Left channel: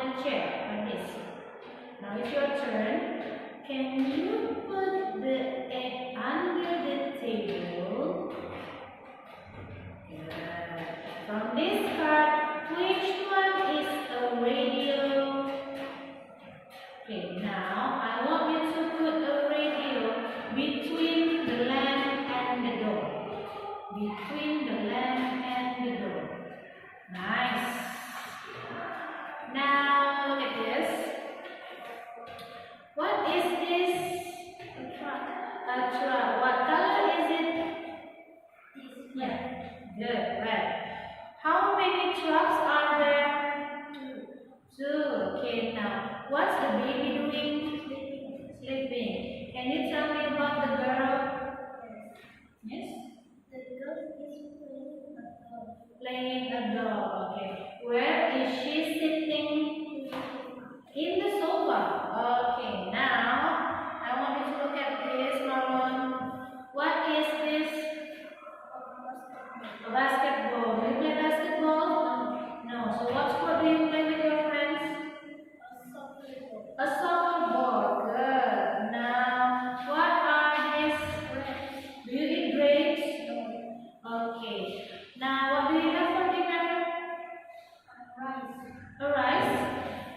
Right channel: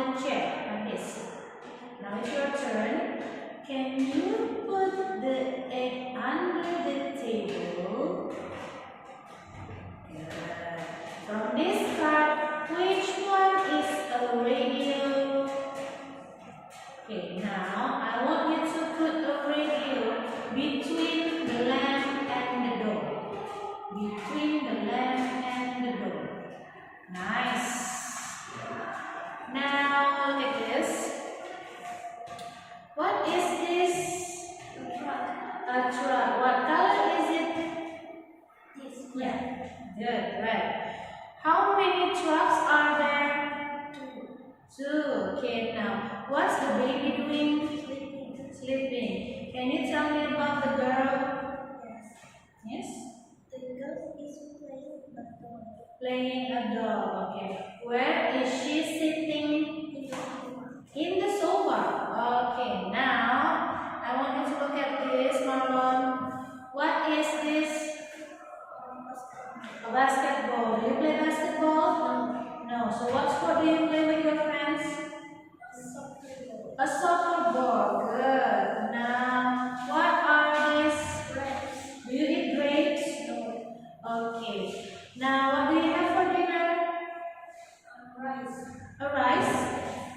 wooden chair like this. Now it's your turn. Can you put the egg under the table? Good. From this card, which one is a radio? Okay, now I want you to put a radio between the lamp and the door. Between the lamp and the door. Nice. Now look at this. What is this? A truck. A truck. What color is it? This. Yeah. Good, right. How many trucks are there? Two. Okay, now what's the baby doing? Sleeping. Sleeping. Can you tell me about the girl? Yes. Yes? The girl is playing a doll. Playing a doll. Okay. Where is she sitting? In the In the sofa. Okay, now I want you to look at this, Marlon. What is this? A basketball. Do you play basketball? No. So what sport do you play with your friends? A soccer ball. Good. Now, what are these? Do you eat grapes? Okay. Now, what do you have for dinner? Rice. A rice?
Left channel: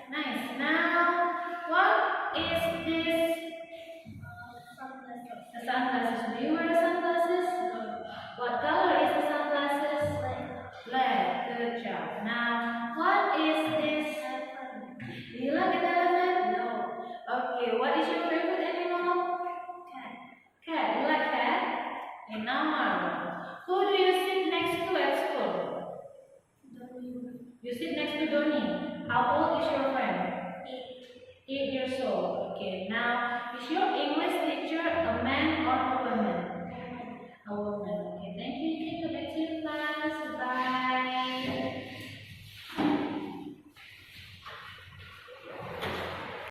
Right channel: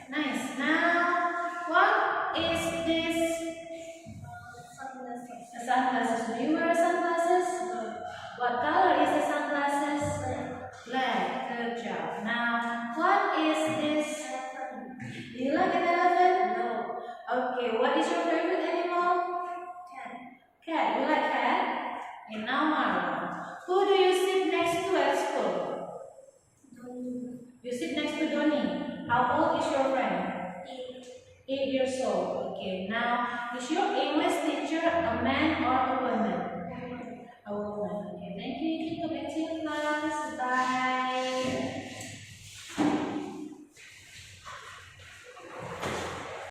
Nice. Now, what is this? Sunglasses. A sunglasses. Do you wear sunglasses? What color is the sunglasses? Black. Good job. Now, what is this? Do you like an elephant? No. Okay. What is your favorite animal? Cat. Cat. You like cat? And now, Marlon. Who do you sit next to at school? Don't You sit next to Donnie. How old is your friend? eat. 8 years old. Okay. Now, is your English teacher a man or a woman?